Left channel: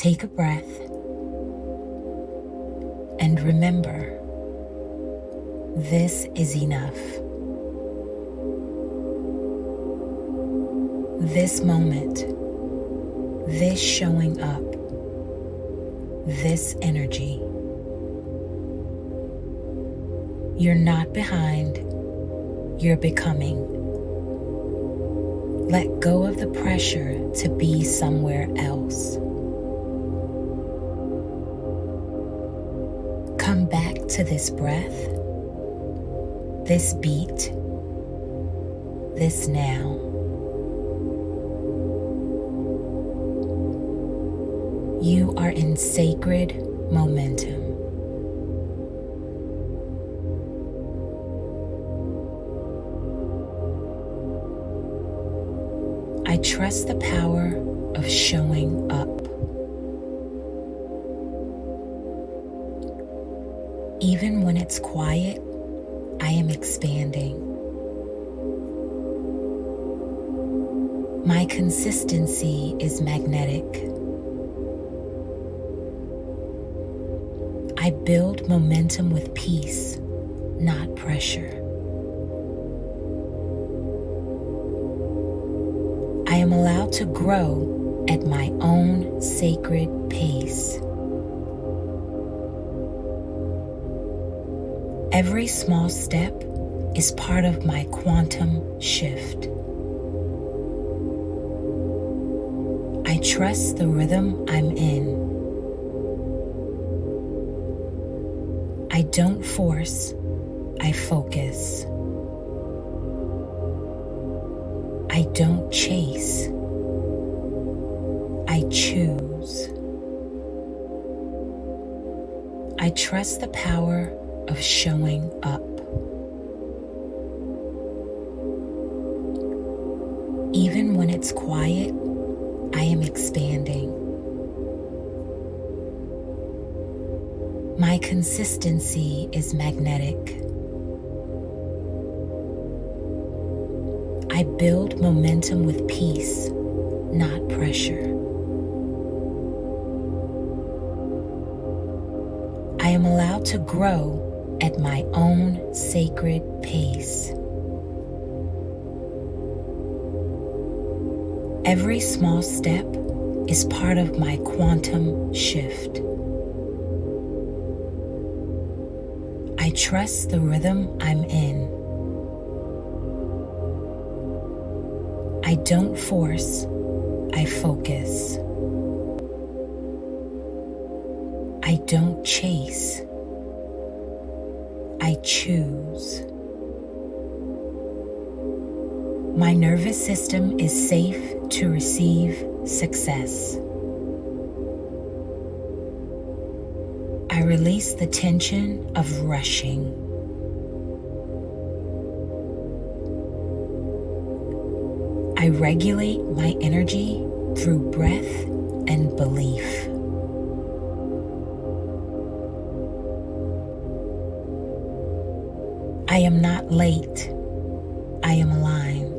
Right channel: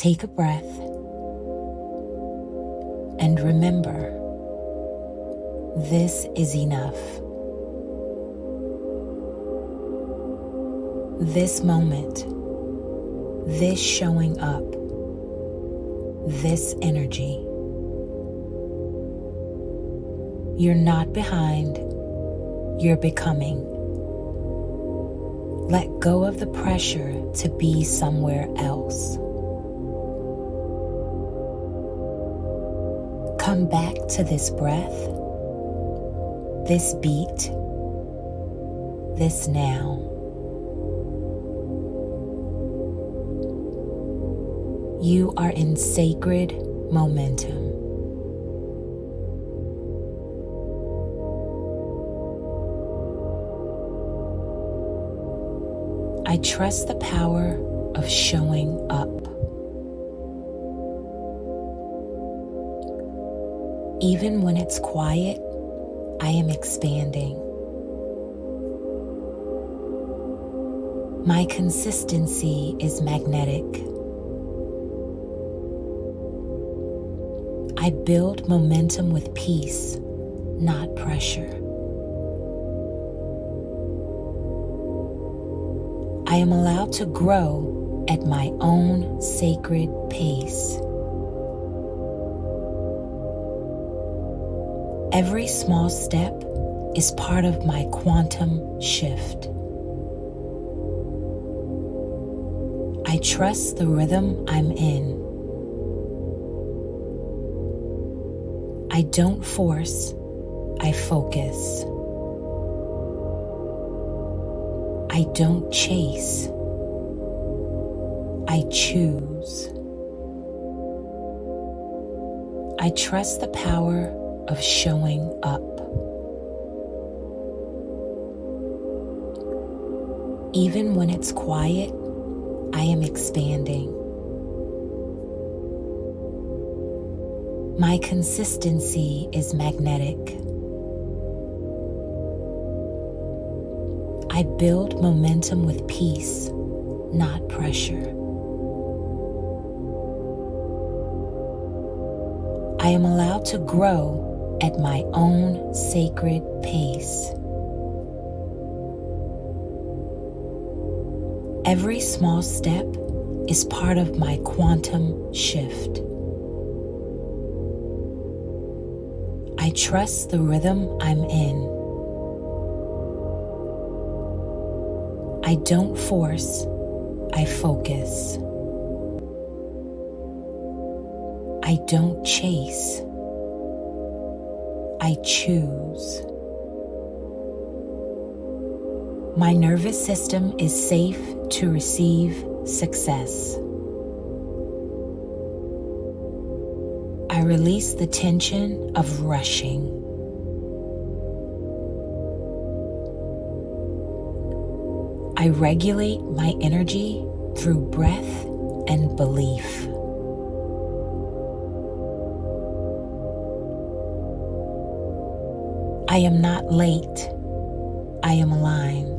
Take a breath and remember, this is enough. This moment, this showing up, this energy. You're not behind, you're becoming. Let go of the pressure to be somewhere else. Come back to this breath, this beat, this now. You are in sacred momentum. I trust the power of showing up. Even when it's quiet, I am expanding. My consistency is magnetic. I build momentum with peace, not pressure. I am allowed to grow at my own sacred pace. Every small step is part of my quantum shift. I trust the rhythm I'm in. I don't force, I focus. I don't chase, I choose. I trust the power of showing up. Even when it's quiet, I am expanding. My consistency is magnetic. I build momentum with peace, not pressure. I am allowed to grow at my own sacred pace. Every small step is part of my quantum shift. I trust the rhythm I'm in. I don't force, I focus. I don't chase, I choose. My nervous system is safe to receive success. I release the tension of rushing. I regulate my energy through breath and belief. I am not late, I am aligned.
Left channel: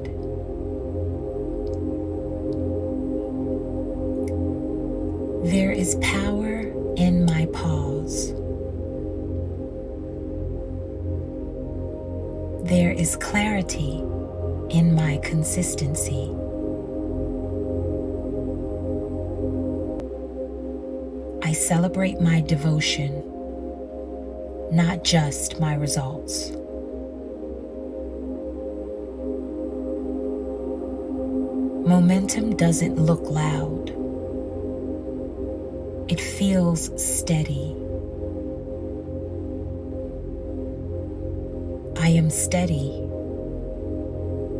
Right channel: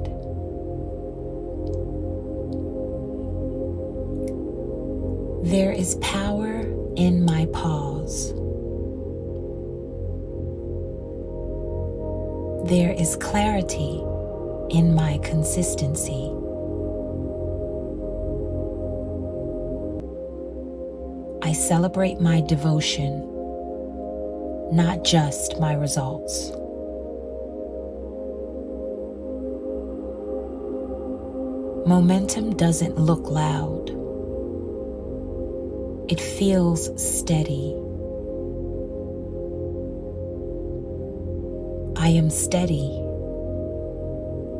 There is power in my pause. There is clarity in my consistency. I celebrate my devotion, not just my results. Momentum doesn't look loud. It feels steady. I am steady.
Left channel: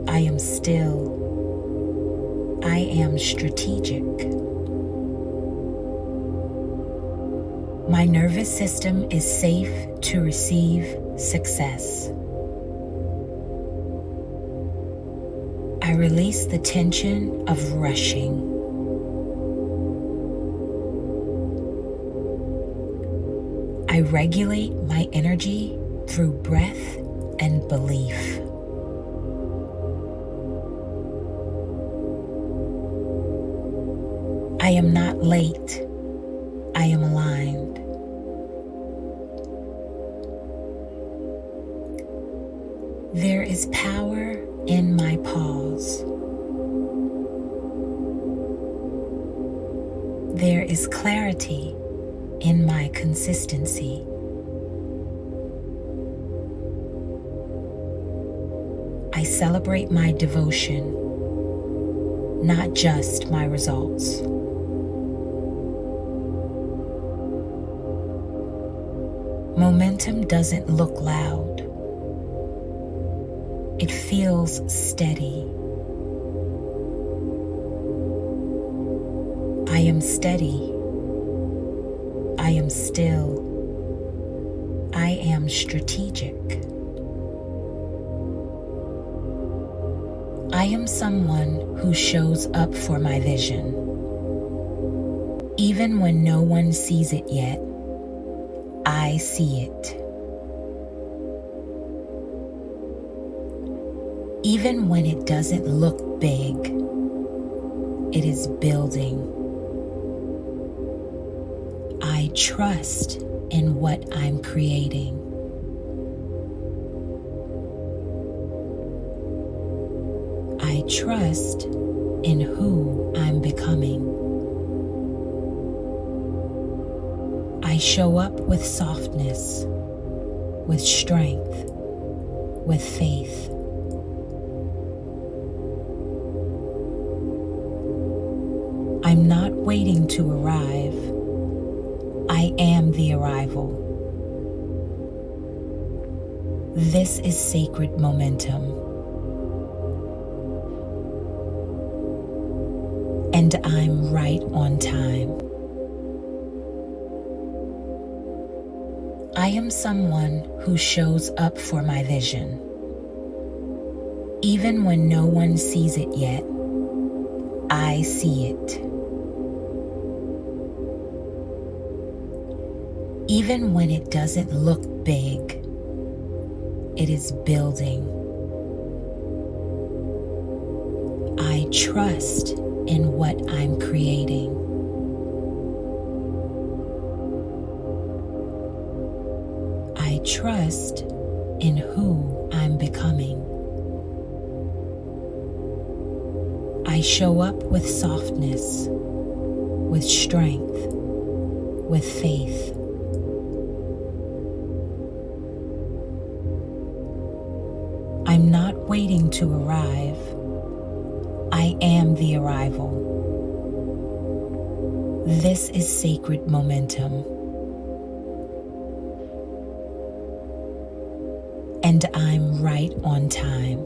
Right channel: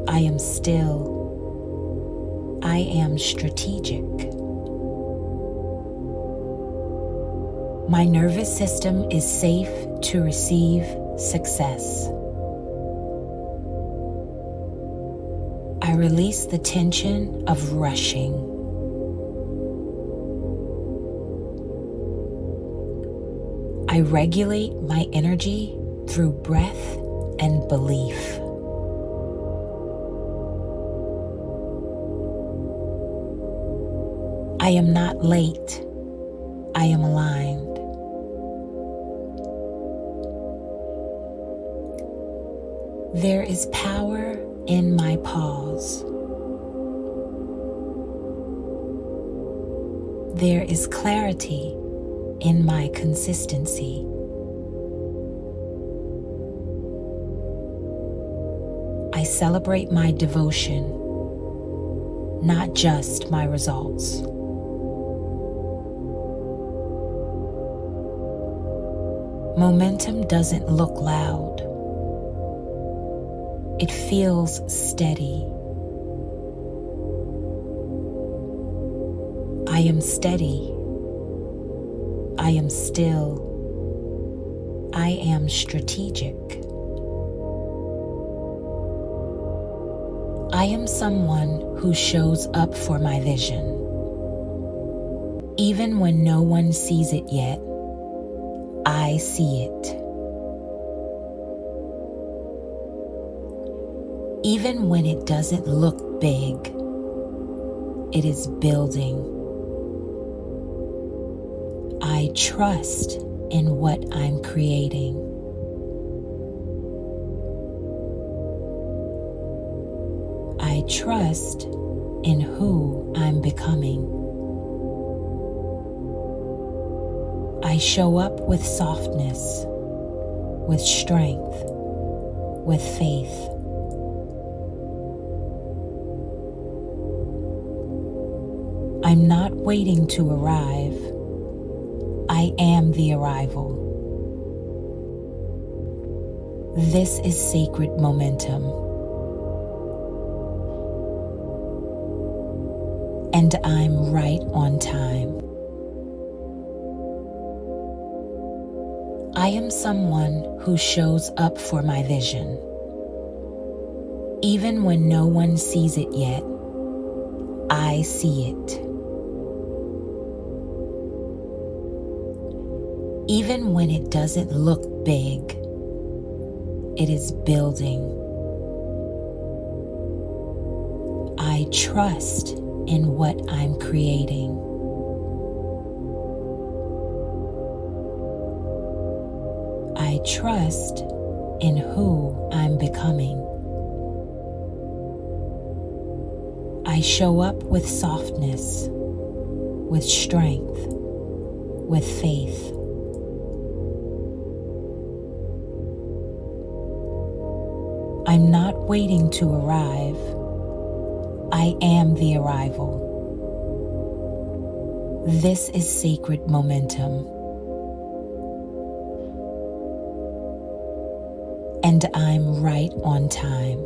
I am still. I am strategic. My nervous system is safe to receive success. I release the tension of rushing. I regulate my energy through breath and belief. I am not late, I am aligned. There is power in my pause. There is clarity in my consistency. I celebrate my devotion, not just my results. Momentum doesn't look loud. It feels steady. I am steady. I am still. I am strategic. I am someone who shows up for my vision. Even when no one sees it yet, I see it. Even when it doesn't look big, it is building. I trust in what I'm creating. I trust in who I'm becoming. I show up with softness, with strength, with faith. I'm not waiting to arrive. I am the arrival. This is sacred momentum. And I'm right on time. I am someone who shows up for my vision. Even when no one sees it yet, I see it. Even when it doesn't look big, it is building. I trust in what I'm creating. I trust in who I'm becoming. I show up with softness, with strength, with faith. I'm not waiting to arrive. I am the arrival. This is sacred momentum. And I'm right on time.